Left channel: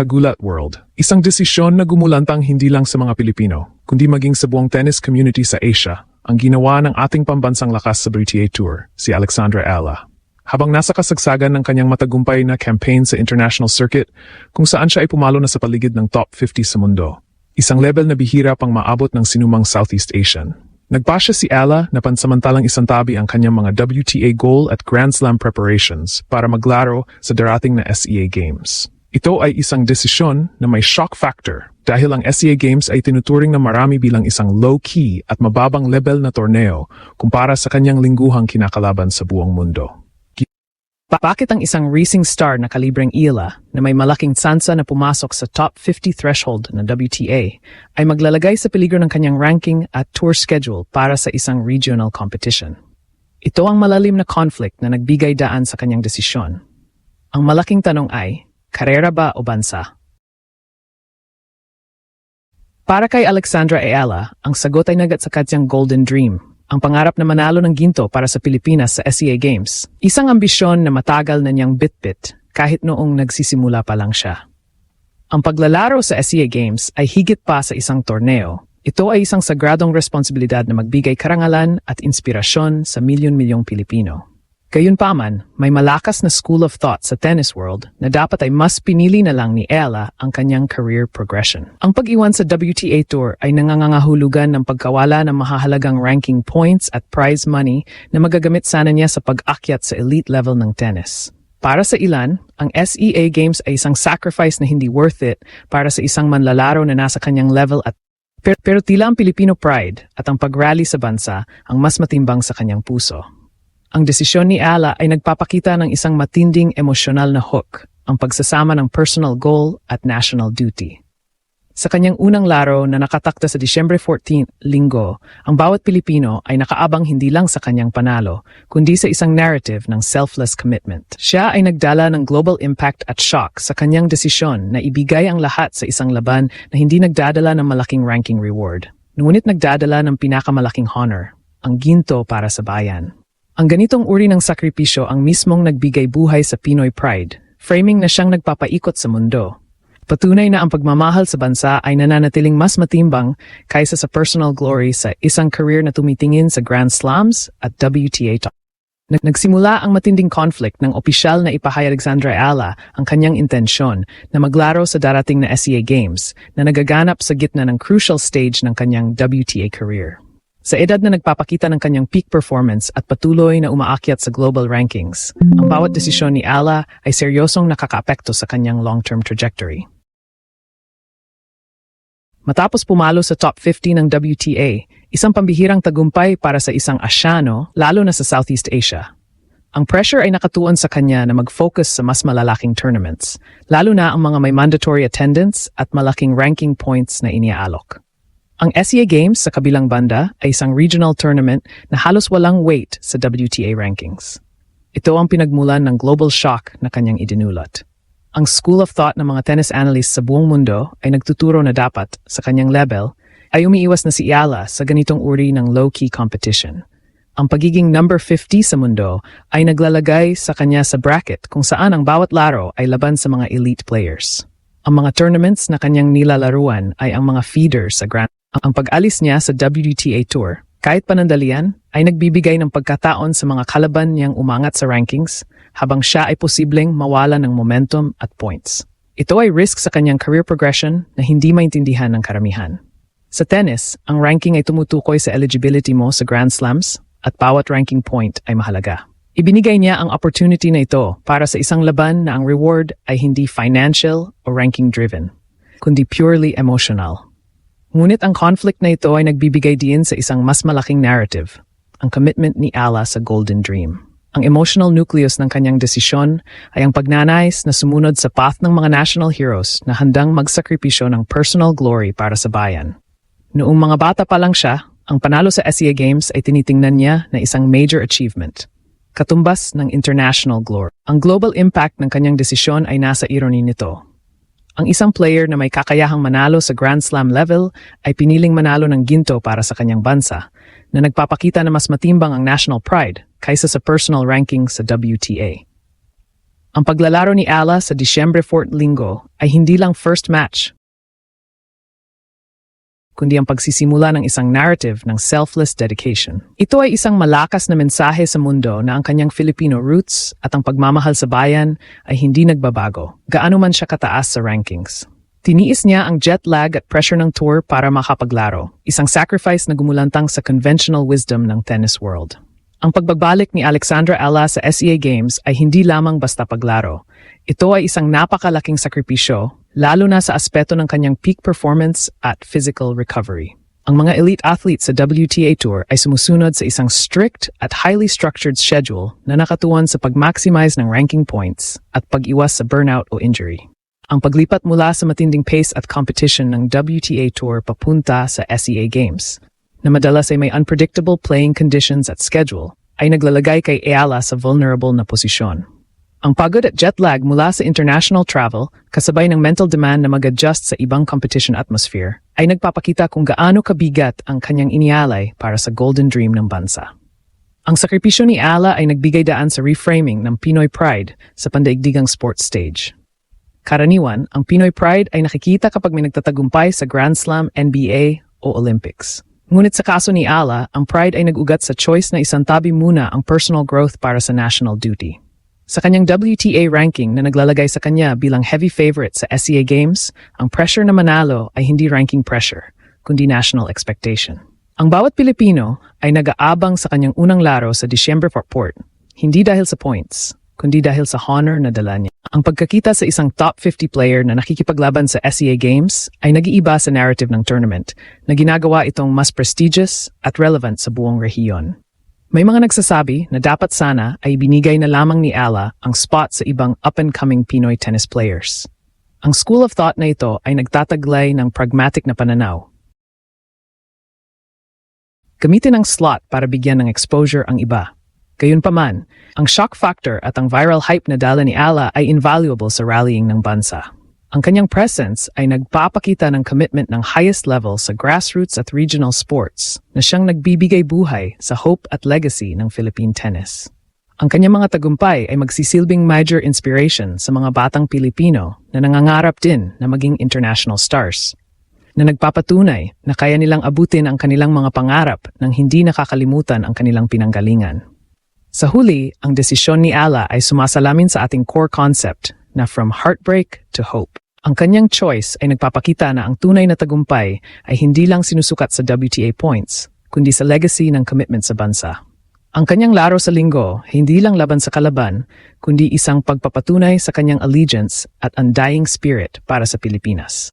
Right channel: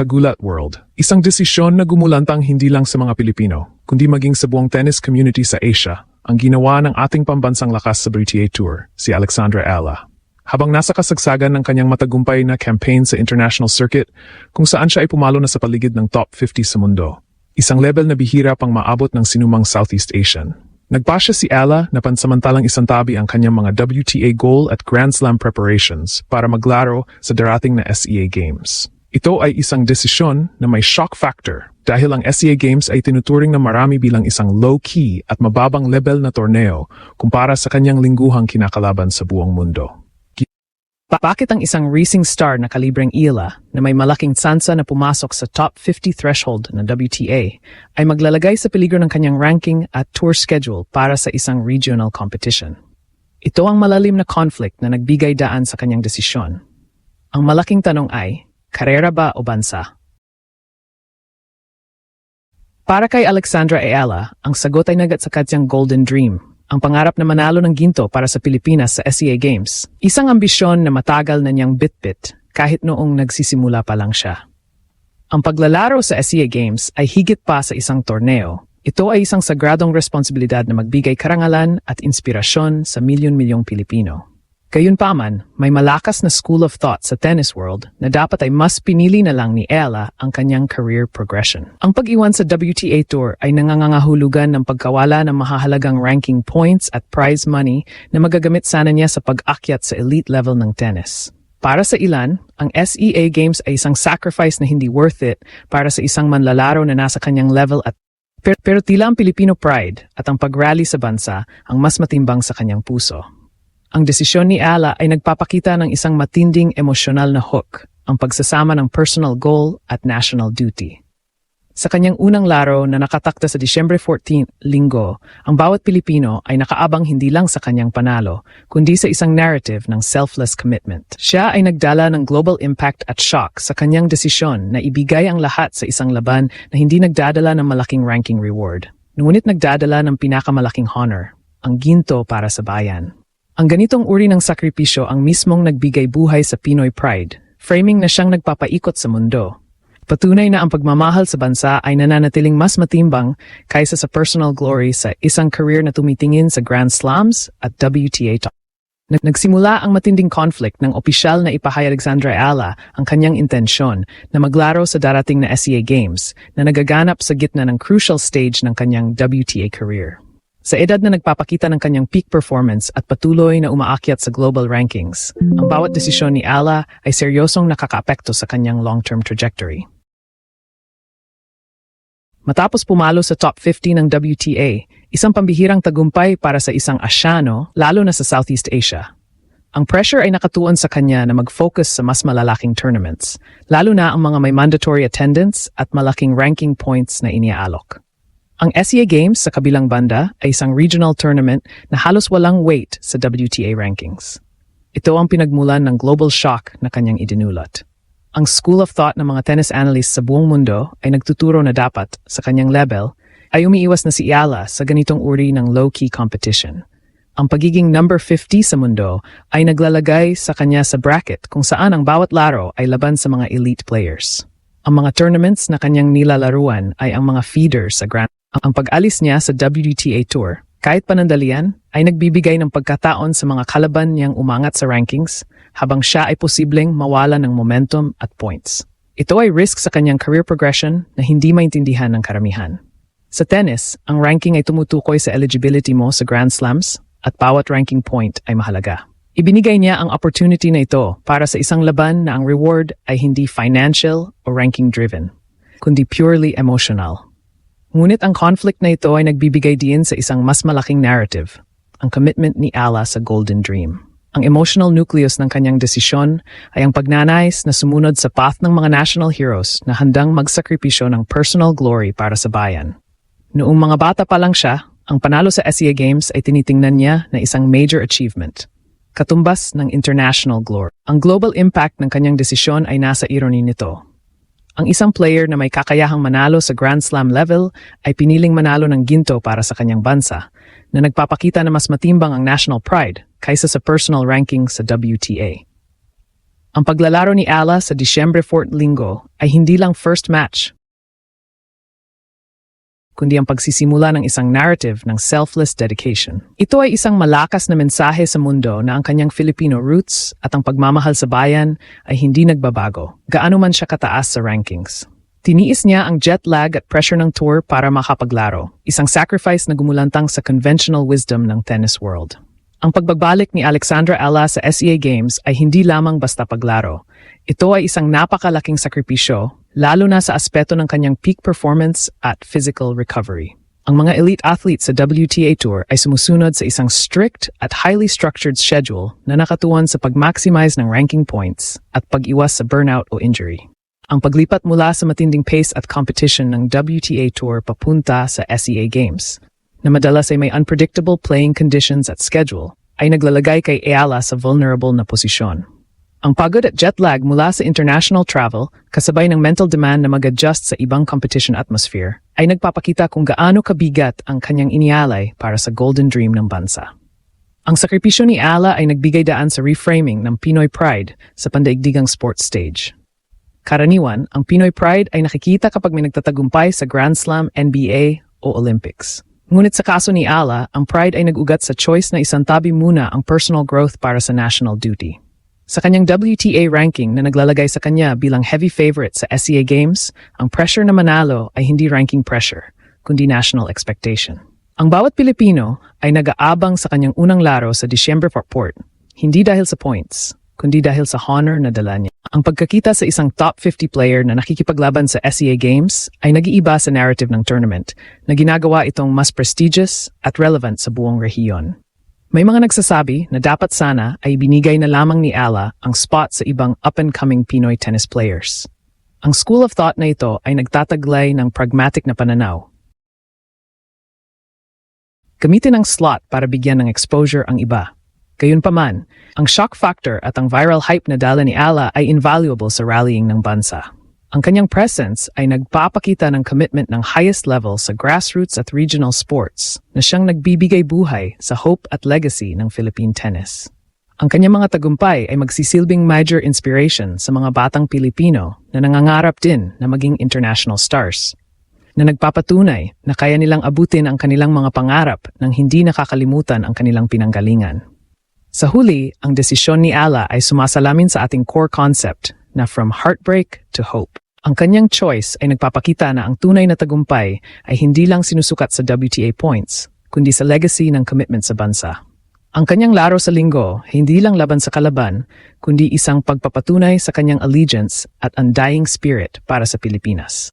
Kagulat World. Isang desisyon na gumulantang hindi lang sa mga Pilipino, kundi maging sa buong tennis community sa Asia, ang ginawa ng ating pambansang lakas sa WTA Tour, si Alexandra Ala. Habang nasa kasagsagan ng kanyang matagumpay na campaign sa international circuit, kung saan siya ay pumalo na sa paligid ng top 50 sa mundo. Isang level na bihira pang maabot ng sinumang Southeast Asian. Nagpasya si Ala na pansamantalang isantabi ang kanyang mga WTA goal at Grand Slam preparations para maglaro sa darating na SEA Games. Ito ay isang desisyon na may shock factor dahil ang SEA Games ay tinuturing ng marami bilang isang low-key at mababang level na torneo kumpara sa kanyang lingguhang kinakalaban sa buong mundo. Bakit ang isang racing star na kalibreng Ila na may malaking tsansa na pumasok sa top 50 threshold ng WTA ay maglalagay sa peligro ng kanyang ranking at tour schedule para sa isang regional competition? Ito ang malalim na conflict na nagbigay daan sa kanyang desisyon. Ang malaking tanong ay, karera ba o bansa? Para kay Alexandra Ayala, ang sagot ay nagat sa kanyang golden dream. Ang pangarap na manalo ng ginto para sa Pilipinas sa SEA Games. Isang ambisyon na matagal na niyang bitbit kahit noong nagsisimula pa lang siya. Ang paglalaro sa SEA Games ay higit pa sa isang torneo. Ito ay isang sagradong responsibilidad na magbigay karangalan at inspirasyon sa milyon-milyong Pilipino. Gayunpaman, may malakas na school of thought sa tennis world na dapat ay mas pinili na lang ni Ella ang kanyang career progression. Ang pag-iwan sa WTA Tour ay nangangahulugan ng pagkawala ng mahahalagang ranking points at prize money na magagamit sana niya sa pag-akyat sa elite level ng tennis. Para sa ilan, ang SEA Games ay isang sacrifice na hindi worth it para sa isang manlalaro na nasa kanyang level at pero tila ang Filipino pride at ang pag-rally sa bansa ang mas matimbang sa kanyang puso. Ang desisyon ni Ala ay nagpapakita ng isang matinding emosyonal na hook, ang pagsasama ng personal goal at national duty. Sa kanyang unang laro na nakatakda sa Disyembre 14, Linggo, ang bawat Pilipino ay nakaabang hindi lang sa kanyang panalo, kundi sa isang narrative ng selfless commitment. Siya ay nagdala ng global impact at shock sa kanyang desisyon na ibigay ang lahat sa isang laban na hindi nagdadala ng malaking ranking reward. Ngunit nagdadala ng pinakamalaking honor, ang ginto para sa bayan. Ang ganitong uri ng sakripisyo ang mismong nagbigay buhay sa Pinoy Pride, framing na siyang nagpapaikot sa mundo. Patunay na ang pagmamahal sa bansa ay nananatiling mas matimbang kaysa sa personal glory sa isang career na tumitingin sa Grand Slams at WTA. Nagsimula ang matinding conflict ng opisyal na ipahayag Alexandra Ayala ang kanyang intensyon na maglaro sa darating na SEA Games na nagaganap sa gitna ng crucial stage ng kanyang WTA career. Sa edad na nagpapakita ng kanyang peak performance at patuloy na umaakyat sa global rankings, ang bawat desisyon ni Ala ay seryosong nakakaapekto sa kanyang long-term trajectory. Matapos pumalo sa top 50 ng WTA, isang pambihirang tagumpay para sa isang Asyano, lalo na sa Southeast Asia. Ang pressure ay nakatuon sa kanya na mag-focus sa mas malalaking tournaments, lalo na ang mga may mandatory attendance at malaking ranking points na iniaalok. Ang SEA Games sa kabilang banda ay isang regional tournament na halos walang weight sa WTA rankings. Ito ang pinagmulan ng global shock na kanyang idinulat. Ang school of thought ng mga tennis analysts sa buong mundo ay nagtuturo na dapat, sa kanyang level, ay umiiwas na si Ayala sa ganitong uri ng low-key competition. Ang pagiging number 50 sa mundo ay naglalagay sa kanya sa bracket kung saan ang bawat laro ay laban sa mga elite players. Ang mga tournaments na kanyang nilalaruan ay ang mga feeders sa Grand. Ang pag-alis niya sa WTA Tour, kahit panandalian, ay nagbibigay ng pagkataon sa mga kalaban niyang umangat sa rankings habang siya ay posibleng mawala ng momentum at points. Ito ay risk sa kanyang career progression na hindi maintindihan ng karamihan. Sa tennis, ang ranking ay tumutukoy sa eligibility mo sa Grand Slams at bawat ranking point ay mahalaga. Ibinigay niya ang opportunity na ito para sa isang laban na ang reward ay hindi financial o ranking-driven, kundi purely emotional. Ngunit ang conflict na ito ay nagbibigay din sa isang mas malaking narrative, ang commitment ni Ala sa Golden Dream. Ang emotional nucleus ng kanyang desisyon ay ang pagnanais na sumunod sa path ng mga national heroes na handang magsakripisyo ng personal glory para sa bayan. Noong mga bata pa lang siya, ang panalo sa SEA Games ay tinitingnan niya na isang major achievement, katumbas ng international glory. Ang global impact ng kanyang desisyon ay nasa irony nito. Ang isang player na may kakayahang manalo sa Grand Slam level ay piniling manalo ng ginto para sa kanyang bansa, na nagpapakita na mas matimbang ang national pride kaysa sa personal ranking sa WTA. Ang paglalaro ni Ala sa Disyembre 4 linggo ay hindi lang first match, kundi ang pagsisimula ng isang narrative ng selfless dedication. Ito ay isang malakas na mensahe sa mundo na ang kanyang Filipino roots at ang pagmamahal sa bayan ay hindi nagbabago, gaano man siya kataas sa rankings. Tiniis niya ang jet lag at pressure ng tour para makapaglaro, isang sacrifice na gumulantang sa conventional wisdom ng tennis world. Ang pagbabalik ni Alexandra Ella sa SEA Games ay hindi lamang basta paglaro. Ito ay isang napakalaking sakripisyo, lalo na sa aspeto ng kanyang peak performance at physical recovery. Ang mga elite athletes sa WTA Tour ay sumusunod sa isang strict at highly structured schedule na nakatuon sa pag-maximize ng ranking points at pag-iwas sa burnout o injury. Ang paglipat mula sa matinding pace at competition ng WTA Tour papunta sa SEA Games, na madalas ay may unpredictable playing conditions at schedule, ay naglalagay kay Ayala sa vulnerable na posisyon. Ang pagod at jet lag mula sa international travel, kasabay ng mental demand na mag-adjust sa ibang competition atmosphere, ay nagpapakita kung gaano kabigat ang kanyang inialay para sa golden dream ng bansa. Ang sakripisyo ni Ayala ay nagbigay daan sa reframing ng Pinoy Pride sa pandaigdigang sports stage. Karaniwan, ang Pinoy Pride ay nakikita kapag may nagtatagumpay sa Grand Slam, NBA o Olympics. Ngunit sa kaso ni Ala, ang pride ay nag-ugat sa choice na isantabi muna ang personal growth para sa national duty. Sa kanyang WTA ranking na naglalagay sa kanya bilang heavy favorite sa SEA Games, ang pressure na manalo ay hindi ranking pressure, kundi national expectation. Ang bawat Pilipino ay nag-aabang sa kanyang unang laro sa Disyembre 4, hindi dahil sa points, kundi dahil sa honor na dala niya. Ang pagkakita sa isang top 50 player na nakikipaglaban sa SEA Games ay nag-iiba sa narrative ng tournament na ginagawa itong mas prestigious at relevant sa buong rehiyon. May mga nagsasabi na dapat sana ay binigay na lamang ni Ala ang spot sa ibang up-and-coming Pinoy tennis players. Ang school of thought na ito ay nagtataglay ng pragmatic na pananaw. Gamitin ang slot para bigyan ng exposure ang iba. Gayunpaman, ang shock factor at ang viral hype na dala ni Ala ay invaluable sa rallying ng bansa. Ang kanyang presence ay nagpapakita ng commitment ng highest level sa grassroots at regional sports na siyang nagbibigay buhay sa hope at legacy ng Philippine tennis. Ang kanyang mga tagumpay ay magsisilbing major inspiration sa mga batang Pilipino na nangangarap din na maging international stars, na nagpapatunay na kaya nilang abutin ang kanilang mga pangarap nang hindi nakakalimutan ang kanilang pinanggalingan. Sa huli, ang desisyon ni Ala ay sumasalamin sa ating core concept na from heartbreak to hope. Ang kanyang choice ay nagpapakita na ang tunay na tagumpay ay hindi lang sinusukat sa WTA points, kundi sa legacy ng commitment sa bansa. Ang kanyang laro sa linggo, hindi lang laban sa kalaban, kundi isang pagpapatunay sa kanyang allegiance at undying spirit para sa Pilipinas.